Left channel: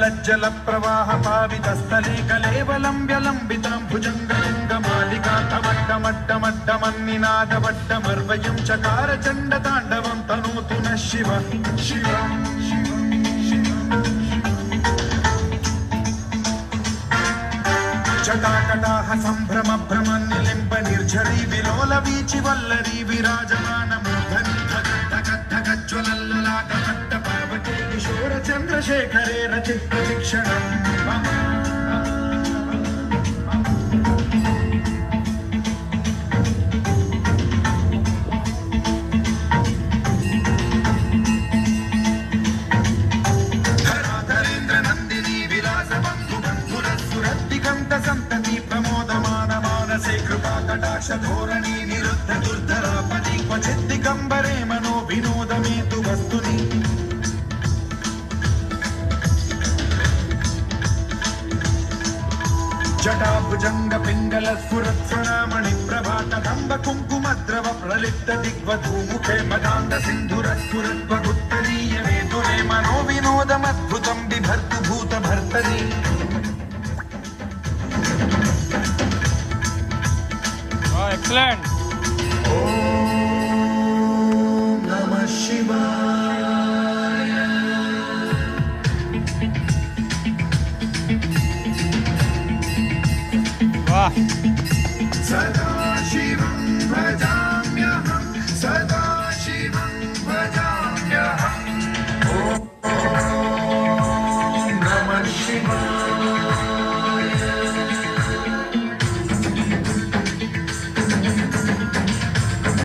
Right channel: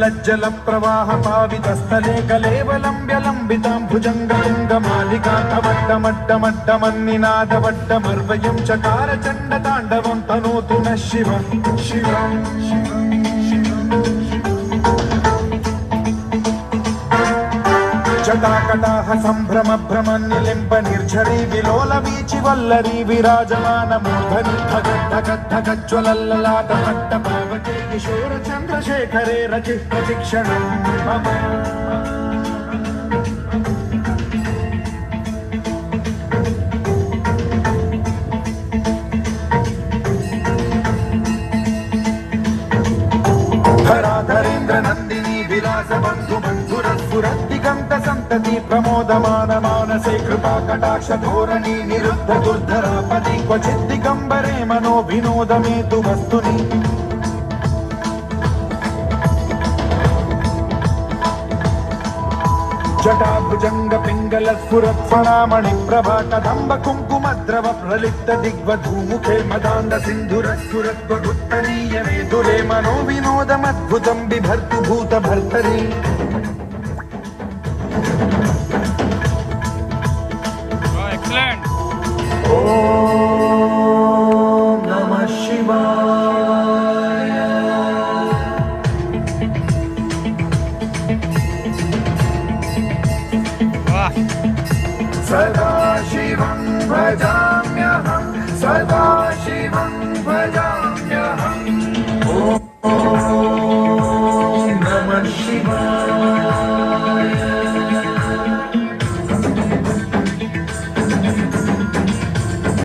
लज्जल प्रवाह पावितस्थले कलेवलं व्यलम्बितां भुजङ्गलिङ्गमालिकान्तवट्टमट्टमट्टमन्निनादवट्टमर्वयं चकार चण्डताण्डवं तनोतु नः शिव शिवम् जटाकटाह सम्भ्रम भ्रमन्निलिम्ब निर्झरी विलोलवीचि वल्लरी विराजमान मूर्धनि धगद्धगद्धगज्ज्वलल्ललाट पट्टपावके किशोर चन्द्रशेखरे रचित शिक्षणं मम धराधरेन्द्र नन्दिनी विलास बन्धु बन्धुरस्फुरद्दिगन्त सन्तति प्रमोदमान मानसे कृपा कटाक्ष धोरणी निरुद्ध दुर्धरापदि क्वचित् दिगम्बरे मनो विनोदमेतु वस्तुनि जटाभुजंग पिंगल स्फुरत् फणामणि प्रभा कदम्ब कुङ्कुमद्रव प्रलिप्त दिग्वधूमुखे मदान्ध सिन्धुरस्फुरद्वगुत्तरीय मेधुरे मनो विनोदमद्भुतं बिभर्तु भूत भर्तरि एक्सीलेंट। ओम नमः शिवाय। वाह सदा शिवं